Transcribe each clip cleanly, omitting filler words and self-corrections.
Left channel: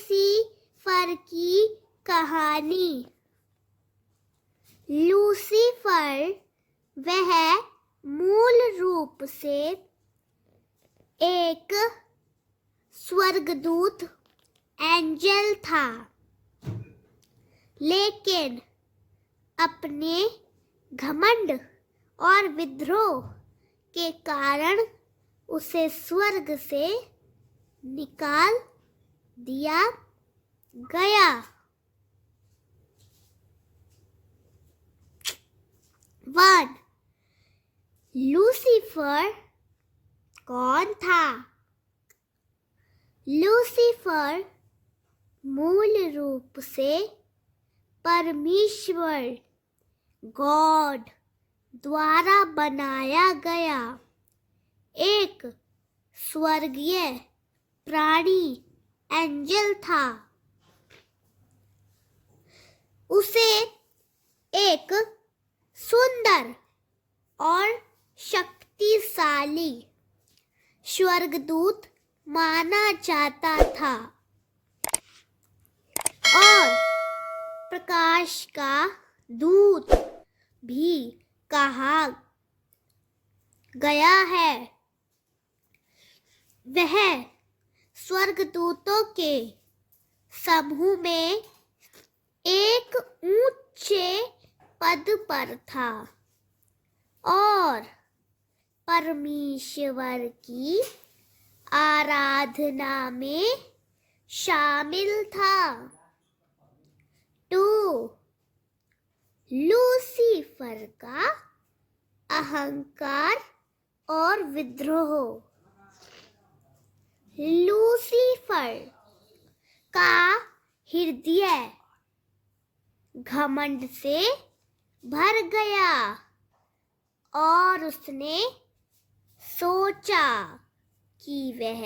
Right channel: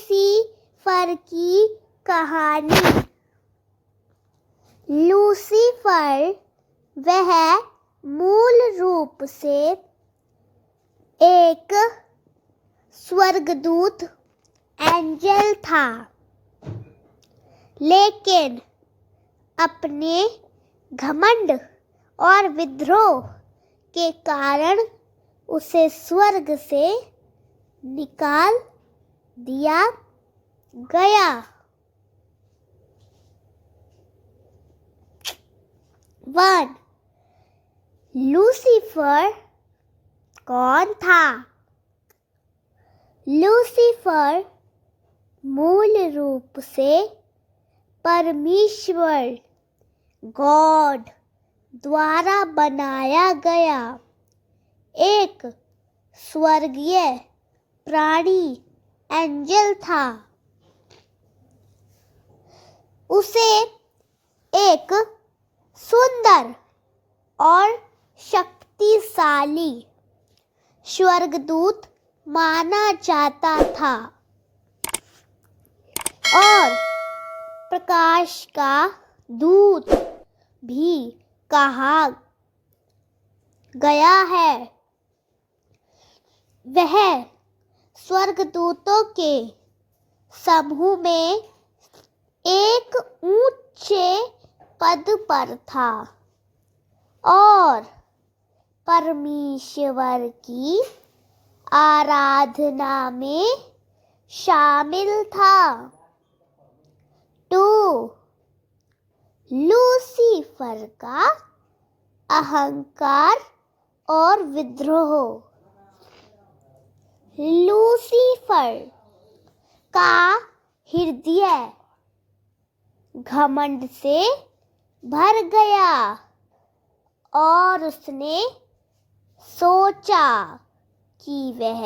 Lucifer की कहानी। Lucifer वह मूल रूप से एक स्वर्गदूत एंजल था, लेकिन अपने घमंड और विद्रोह के कारण उसे स्वर्ग से निकाल दिया गया। 1. लूसीफर कौन था? लूसीफर मूल रूप से परमेश्वर गॉड द्वारा बनाया गया एक स्वर्गीय प्राणी एंजल था। उसे एक सुंदर और शक्तिशाली स्वर्गदूत माना जाता था और प्रकाश का दूत भी कहा गया है। वह स्वर्गदूतों के समूह में एक ऊंचे पद पर था और परमेश्वर की आराधना में शामिल था। 2. लूसीफर का अहंकार और विद्रोह। लूसीफर का हृदय घमंड से भर गया और उसने सोचा कि वह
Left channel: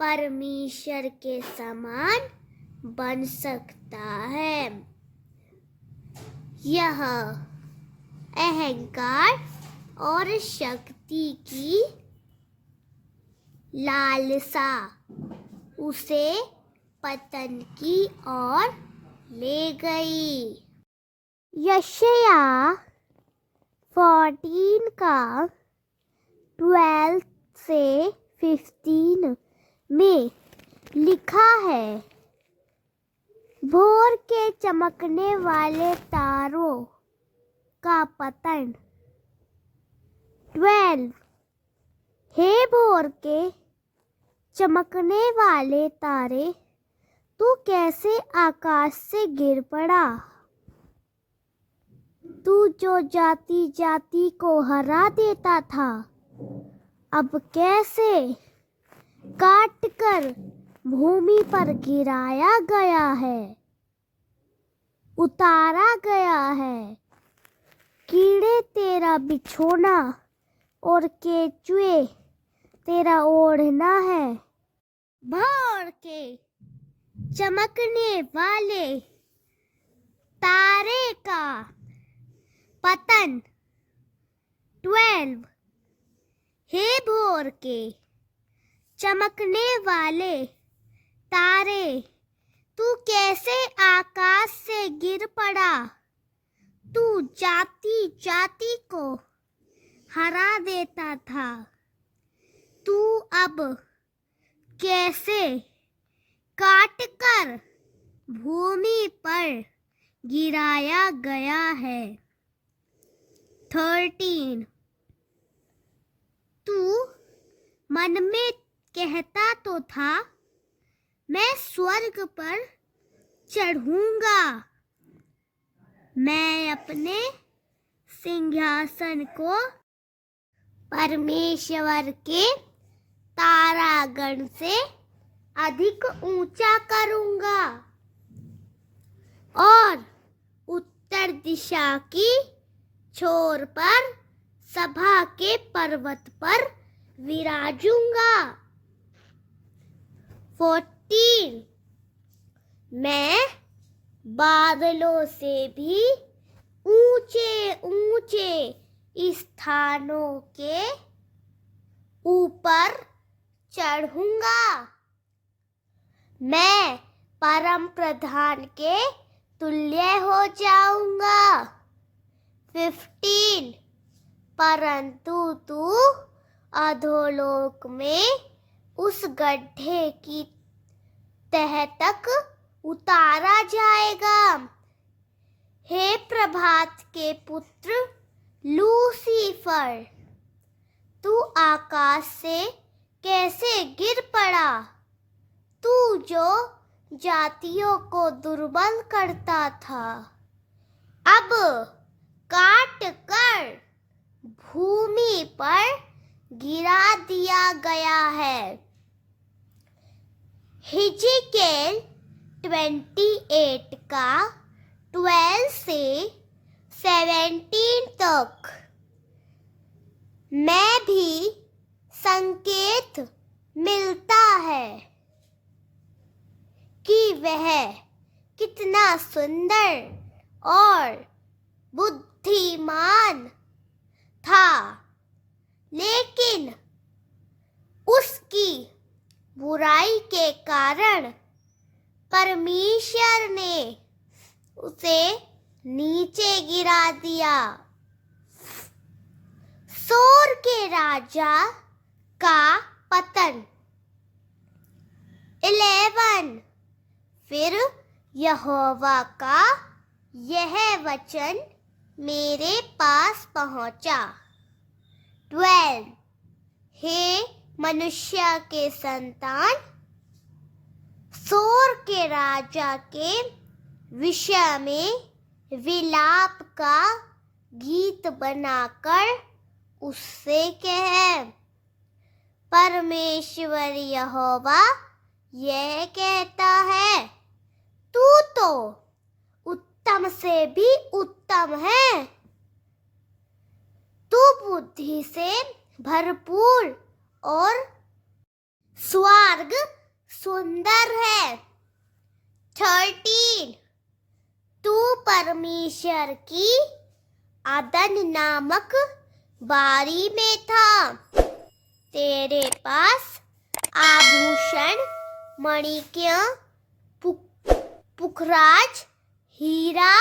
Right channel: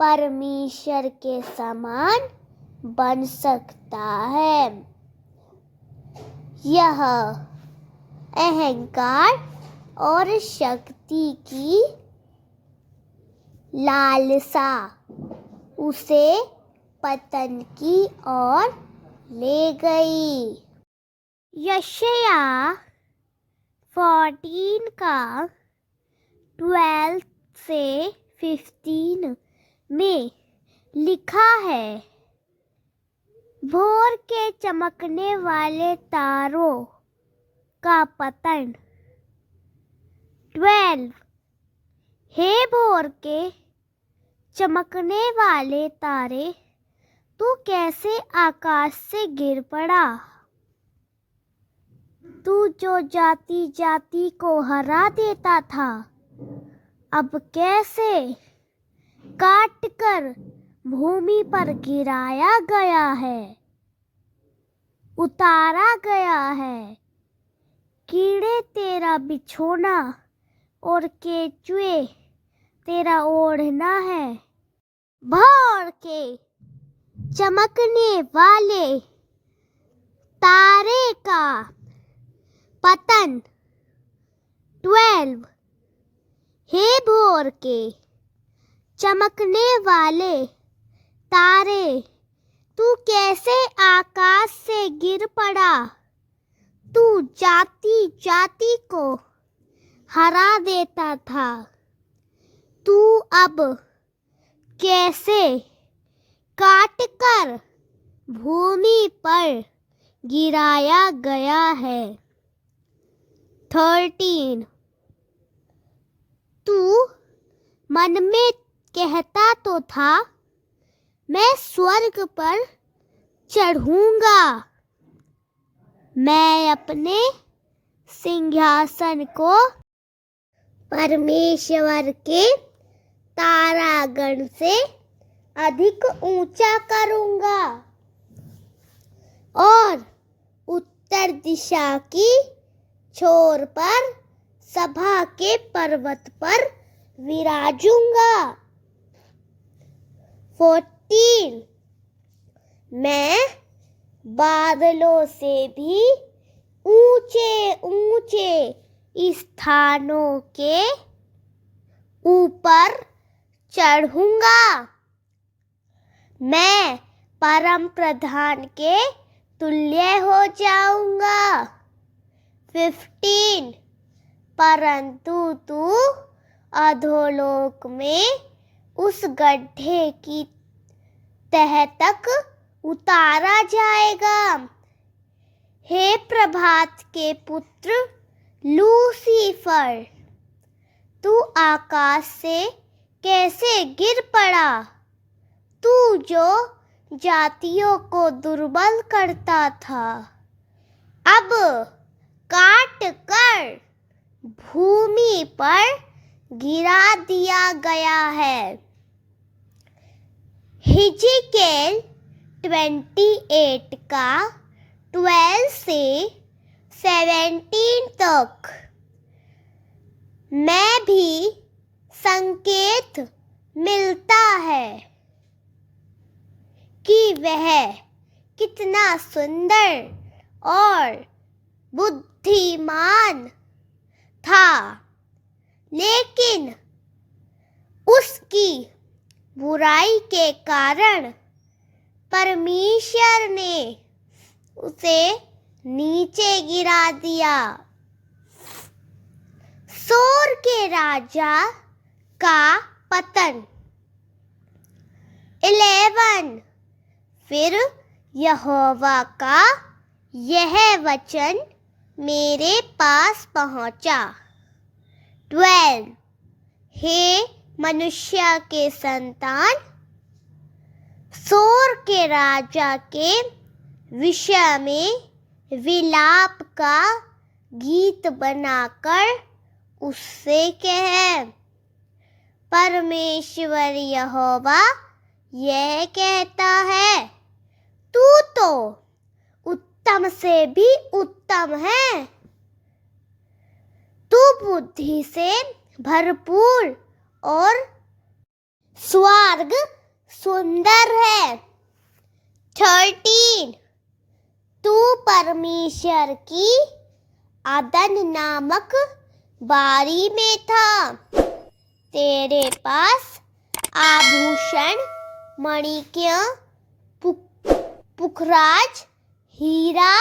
परमेश्वर के समान बन सकता है। यह अहंकार और शक्ति की लालसा उसे पतन की ओर ले गई। यशाया 14 का 12 से 15 में लिखा है, भोर के चमकने वाले तारों का पतन। 12. हे भोर के चमकने वाले तारे, तू कैसे आकाश से गिर पड़ा? तू जो जाति जाति को हरा देता था, अब कैसे काट कर भूमि पर गिराया गया है, उतारा गया है। कीड़े तेरा बिछोना और केचुए तेरा ओढ़ना है। भोर के चमकने वाले तारे का पतन। 12. हे भोर के चमकने वाले तारे, तू कैसे आकाश से गिर पड़ा? तू जाति जाति को हरा देता था, तू अब कैसे काट कर भूमि पर गिराया गया है। 13. तू मन में कहता तो था, मैं स्वर्ग पर चढ़ूंगा, मैं अपने सिंहासन को परमेश्वर के तारागण से अधिक ऊंचा करूंगा और उत्तर दिशा की छोर पर सभा के पर्वत पर विराजूंगा। 14. मैं बादलों से भी ऊंचे ऊंचे स्थानों के ऊपर चढ़ूंगा। मैं परम प्रधान के तुल्य हो जाऊंगा। 15 परंतु तू अधोलोक में उस गड्ढे की तह तक उतारा जाएगा। हे प्रभात के पुत्र लूसीफर, तू आकाश से कैसे गिर पड़ा, तू जो जातियों को दुर्बल करता था, अब काट कर भूमि पर गिरा दिया गया है। हिजकियेल 28 का 12 से 17 तक। मैं भी संकेत मिलता है कि वह कितना सुंदर और बुद्धिमान था, लेकिन उसकी बुराई के कारण परमेश्वर ने उसे नीचे गिरा दिया। सोर के राजा का पतन। 11 फिर यहोवा का यह वचन मेरे पास पहुंचा। 12 हे मनुष्य के संतान, सोर के राजा के विषय में विलाप का गीत बनाकर उससे कह, परमेश्वर यहोवा यह कहता है, तू तो उत्तम से भी उत्तम है, तू बुद्धि से भरपूर और स्वर्ग सुंदर है। 13 तू परमेश्वर की अदन नामक बारी में था। तेरे पास आभूषण, मणिक्य, पुखराज, हीरा,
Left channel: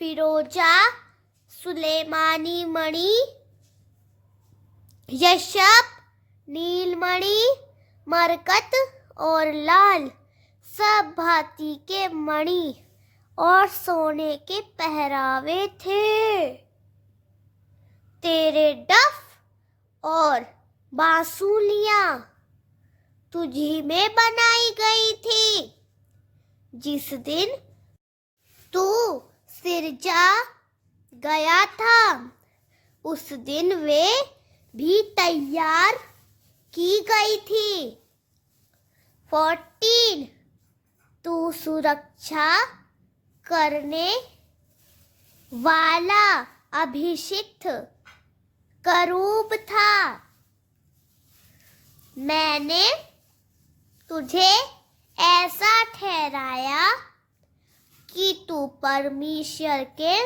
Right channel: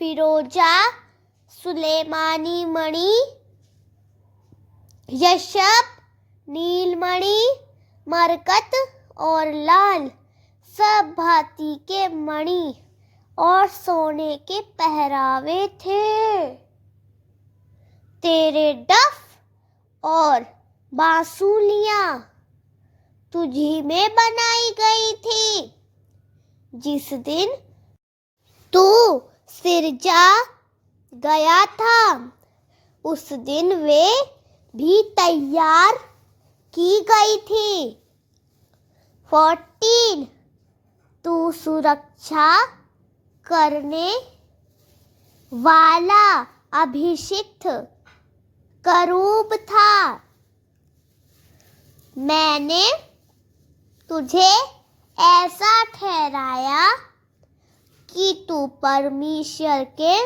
फिरोजा, सुलेमानी मणि, यशब, नीलमणि, मरकत और लाल सब भांति के मणि और सोने के पहरावे थे। तेरे डफ और बांसुलियां तुझी में बनाई गई थी। जिस दिन तू सिरजा गया था, उस दिन वे भी तैयार की गई थी। 14 तू सुरक्षा करने वाला अभिषिक्त करूब था। मैंने तुझे ऐसा ठहराया कि तू परमेश्वर के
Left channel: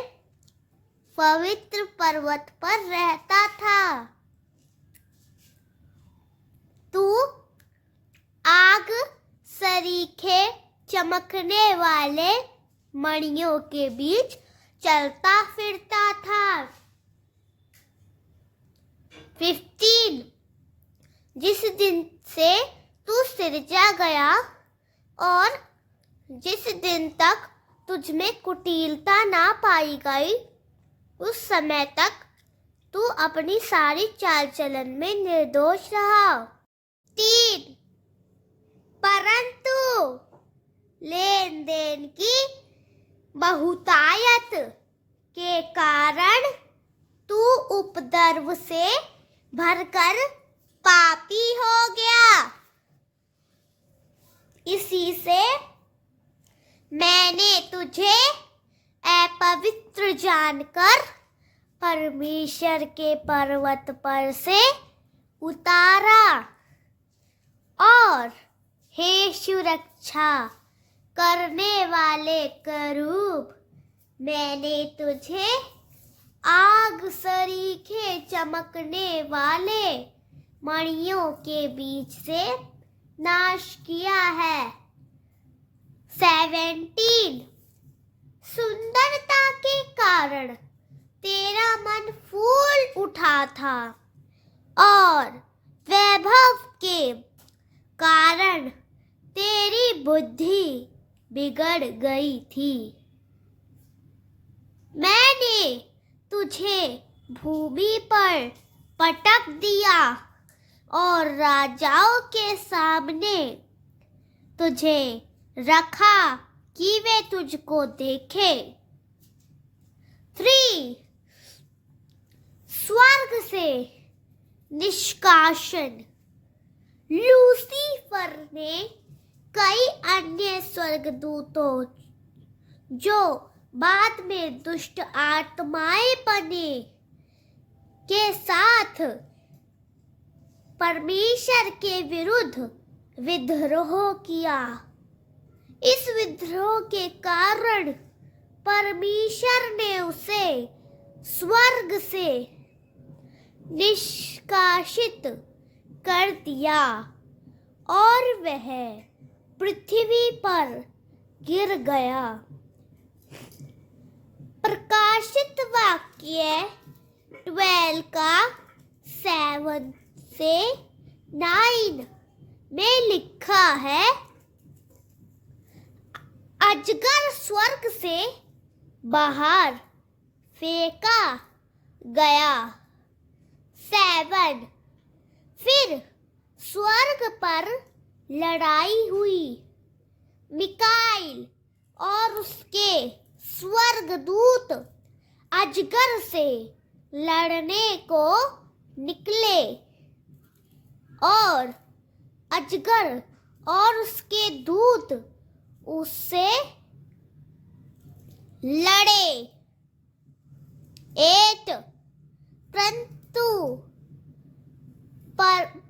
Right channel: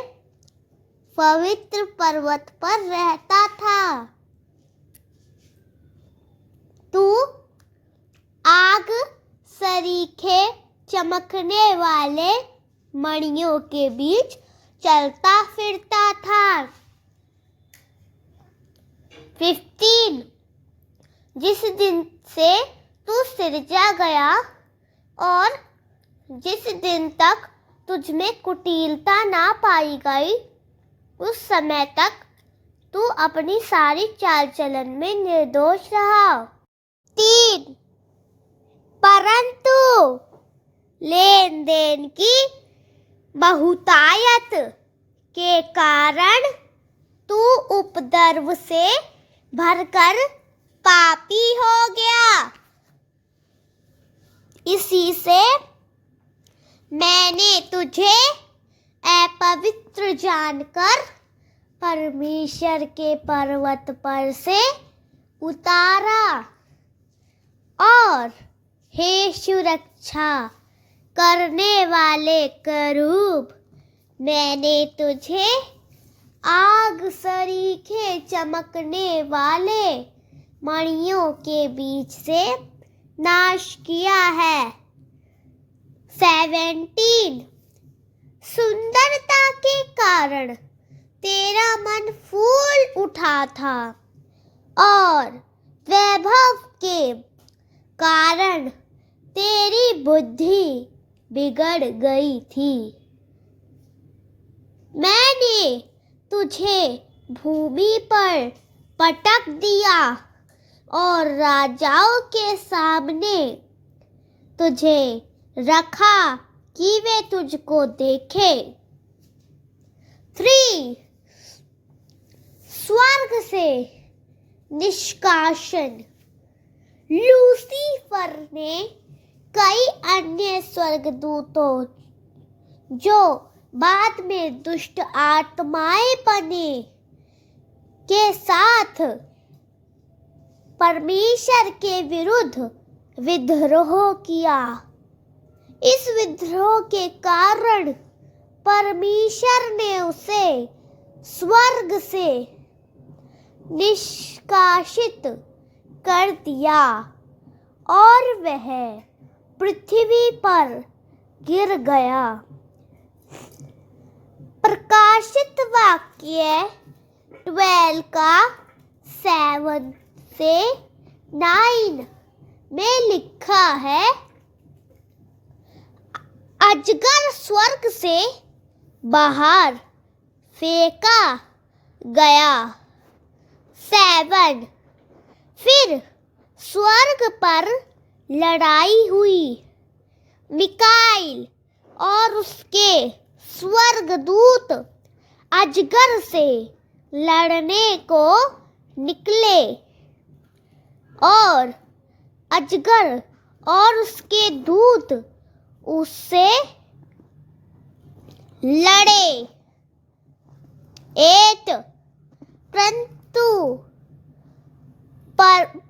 पवित्र पर्वत पर रहता था। तू आग सरीखे चमकने वाले मणियों के बीच चलता फिरता था। 15 जिस दिन से तू सिरजा गया और जिस दिन तक तुझमें कुटिलता ना पाई गई, उस समय तक तू अपनी सारी चाल चलन में निर्दोष रहा। 3 परंतु लेन देन की बहुतायत के कारण तू उपद्रव से भरकर पापी हो गया। इसी से मैंने तुझे अपवित्र जानकर परमेश्वर के पर्वत पर से उतारा, और हे सुरक्षा करने वाले करूब, मैंने तुझे आग सरीखे चमकने वाले मणियों के बीच से नाश किया है। 17 सुंदरता के कारण तेरा मन फूल उठा था और वैभव के कारण तेरी बुद्धि बिगड़ गई थी। मैंने तुझे भूमि पर पटक दिया और राजाओं के सामने तुझे रखा कि वे तुझको देखे। 3 स्वर्ग से निष्कासन। लूसीफर ने कई अन्य स्वर्गदूतों जो बाद में दुष्ट आत्माएं बने के साथ परमेश्वर के विरुद्ध विद्रोह किया। इस विद्रोह के कारण परमेश्वर ने उसे स्वर्ग से निष्कासित कर दिया और वह पृथ्वी पर गिर गया। प्रकाशित वाक्य 12 का 7 से 9 में लिखा है, अजगर स्वर्ग से बाहर फेंका गया। 7 फिर स्वर्ग पर लड़ाई हुई। मिकाईल और उसके स्वर्गदूत अजगर से लड़ने को निकले और अजगर और उसके दूत उससे लड़े 8 परंतु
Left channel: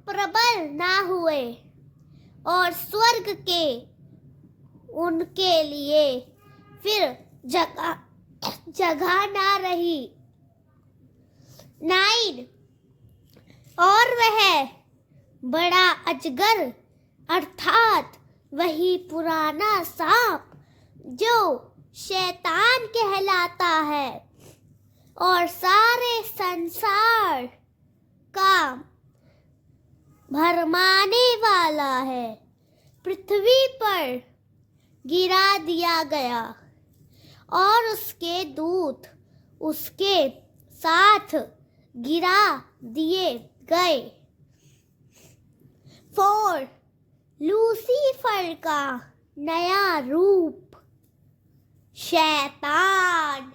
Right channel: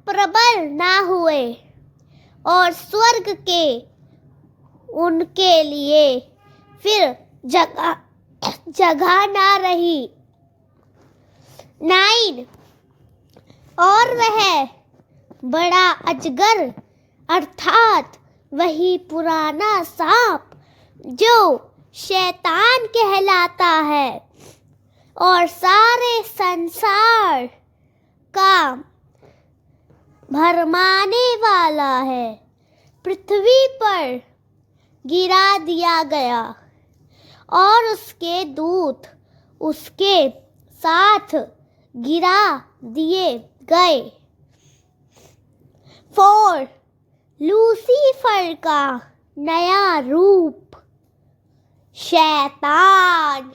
प्रबल ना हुए और स्वर्ग के उनके लिए फिर जगह ना रही। 9 और वह बड़ा अजगर अर्थात वही पुराना सांप जो शैतान कहलाता है और सारे संसार का भरमाने वाला है, पृथ्वी पर गिरा दिया गया और उसके दूत उसके साथ गिरा दिए गए। 4 लूसीफर का नया रूप शैतान।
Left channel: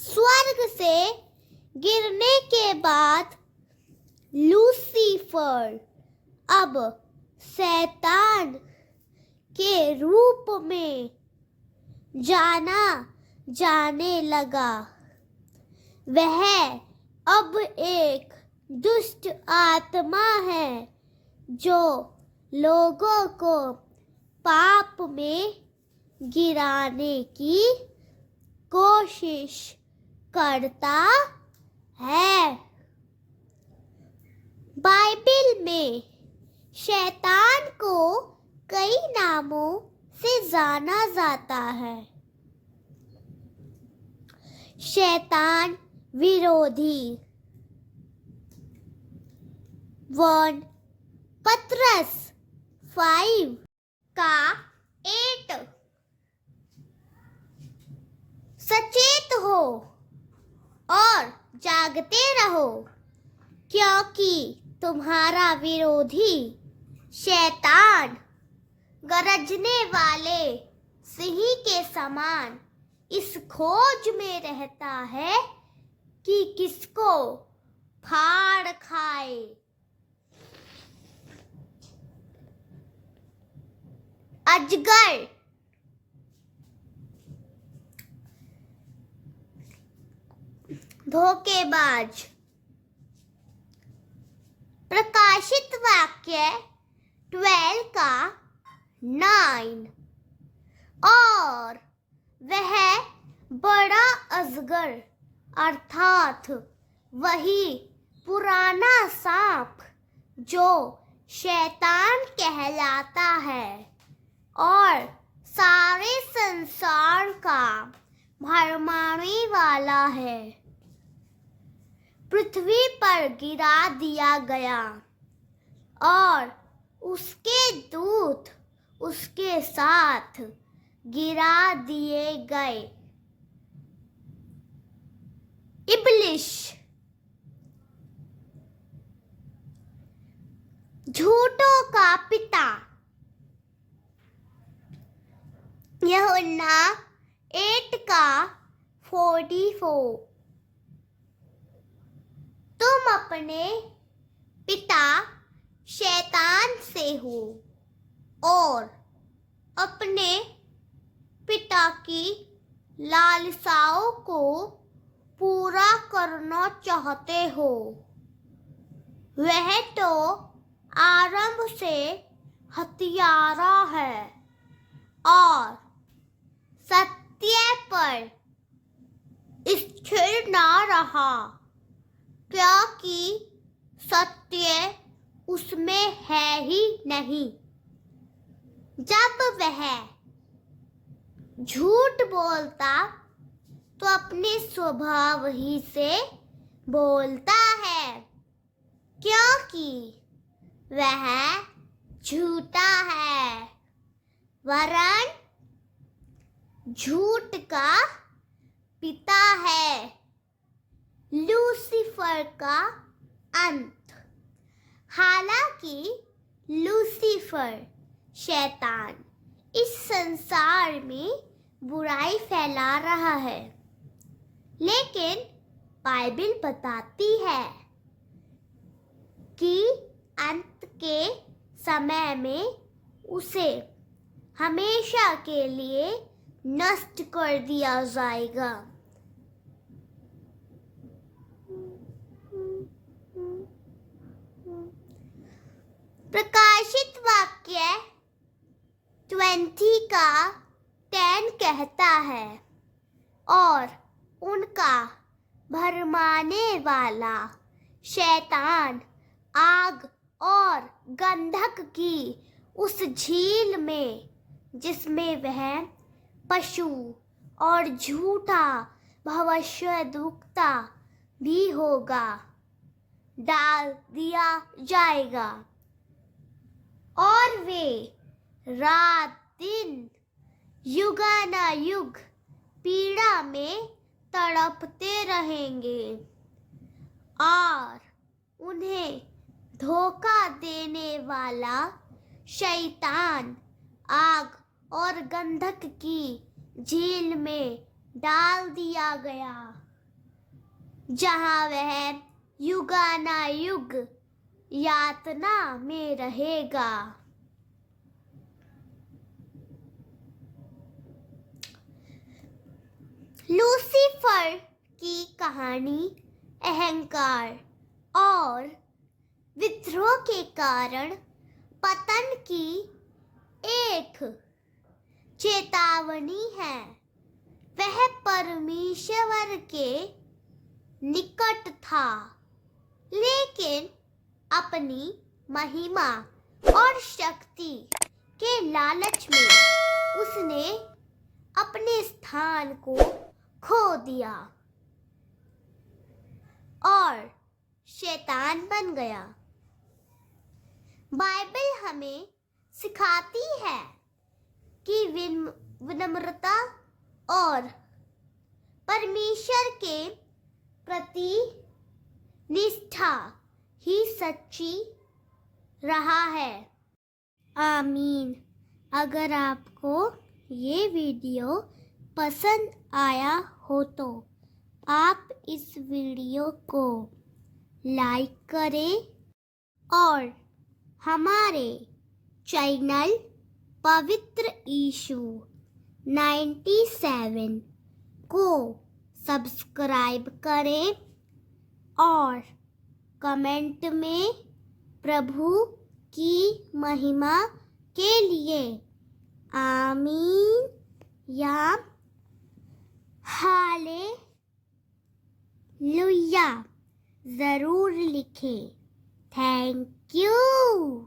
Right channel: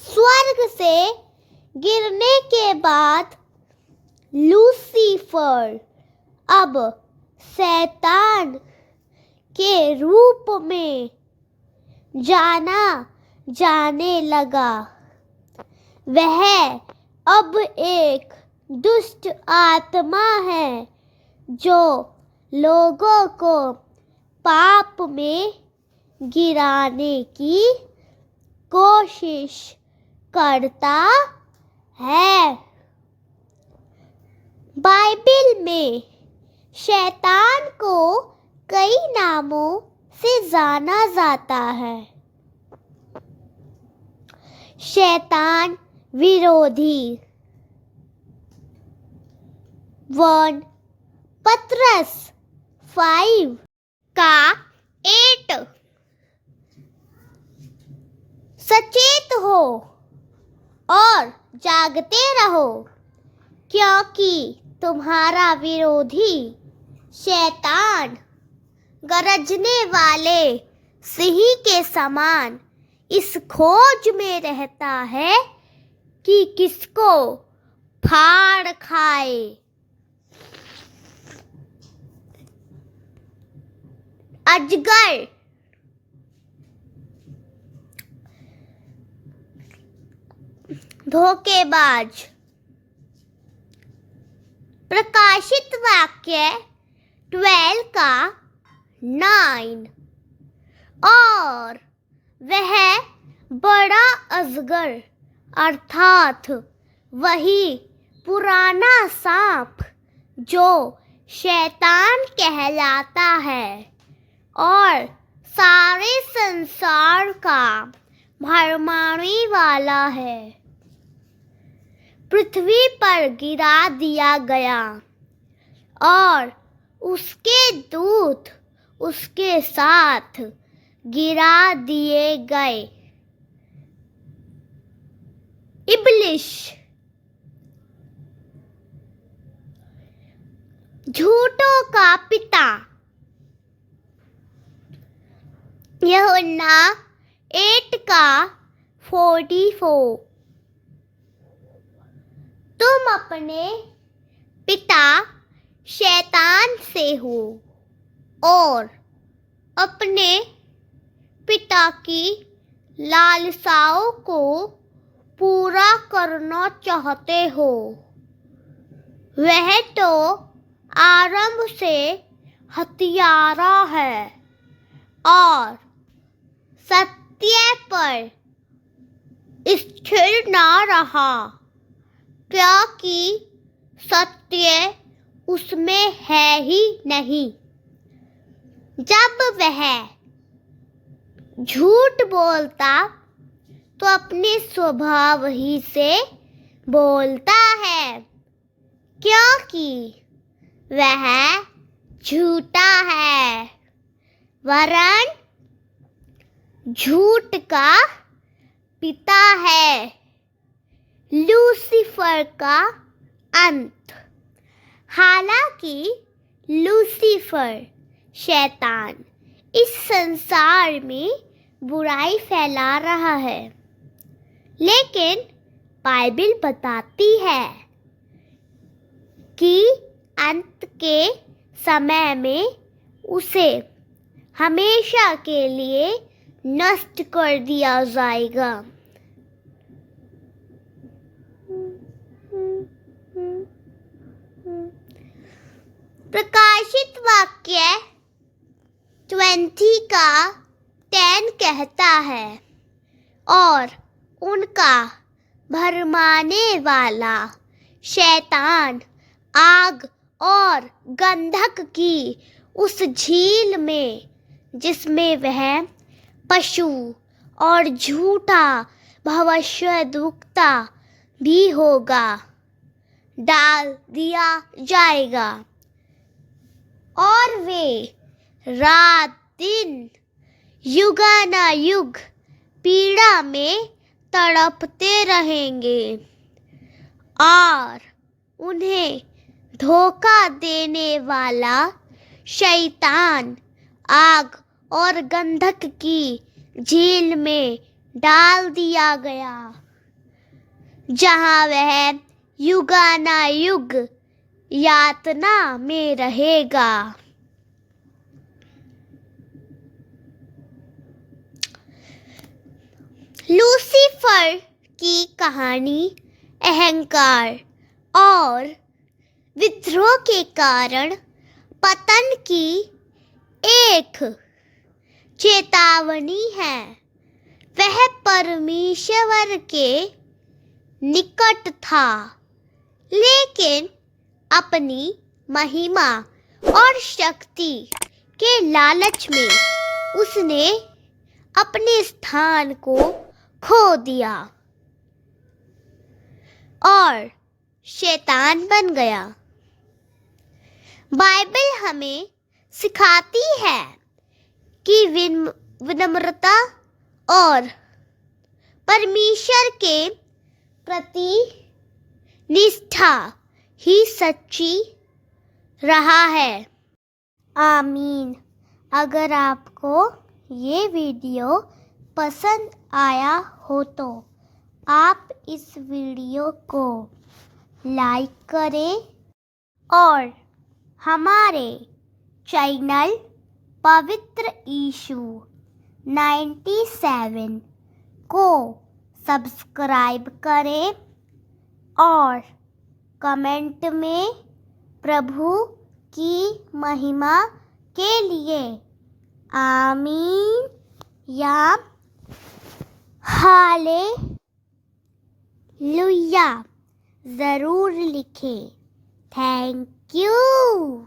स्वर्ग से गिरने के बाद लूसीफर अब शैतान के रूप में जाना जाने लगा। वह अब एक दुष्ट आत्मा है जो लोगों को पाप में गिराने की कोशिश करता है। बाइबल में शैतान को कई नामों से जाना जाता है। शैतान विरोधी 1 पतरस 5 का 8 सचेत हो और जागते रहो क्योंकि तुम्हारा विरोधी शैतान गरजने वाले सिंह के समान इस खोज में रहता है कि किसको फाड़ खाए। अजगर धोखेबाज। प्रकाशित वाक्य 12 का 9 और वह बड़ा अजगर अर्थात वही पुराना सांप जो शैतान कहलाता है और सारे संसार का भरमाने वाला है। पृथ्वी पर गिरा दिया गया और उसके दूत उसके साथ गिरा दिए गए। इब्लिस झूठों का पिता। यूहन्ना 8 का 44। तुम अपने पिता शैतान से हो और अपने पिता की लालसाओं को पूरा करना चाहते हो। वह तो आरंभ से हत्यारा है और सत्य पर स्थिर न रहा, क्योंकि सत्य उसमें है ही नहीं। जब वह झूठ बोलता तो अपने स्वभाव ही से बोलता है, क्योंकि वह झूठा है, वरन झूठ का पिता है। लूसीफर का अंत। हालांकि लूसीफर शैतान इस संसार में बुराई फैला रहा है, लेकिन बाइबल बताती है कि अंत के समय में उसे हमेशा के लिए नष्ट कर दिया जाएगा। प्रकाशित वाक्य 20 का 10 कहता है, और उनका भरमाने वाला शैतान आग और गंधक की उस झील में, जिसमें वह पशु और झूठा भविष्यद्वक्ता भी होगा, डाल दिया जाएगा, और वे रात दिन युगानुयुग पीड़ा में तड़पते रहेंगे और उन्हें धोखा देने वाला शैतान आग और गंधक की झील में डाल दिया गया, जहां वह युगानुयुग यातना में रहेगा। लूसीफर की कहानी अहंकार और विद्रोह के कारण पतन की एक चेतावनी है। वह परमेश्वर के निकट था, लेकिन अपनी महिमा और शक्ति के लालच में उसने अपने स्थान को खो दिया और शैतान बन गया। बाइबल हमें सिखाती है कि विनम्रता और परमेश्वर के प्रति निष्ठा ही सच्ची रहा है। आमीन। अगर आपको ये वीडियो पसंद आया हो तो आप इस वीडियो को लाइक करें और हमारे चैनल पवित्र यीशु 97 को सब्सक्राइब करें और कमेंट में प्रभु की महिमा के लिए आमीन या हालेलुया ज़रूर लिखें। Thank you.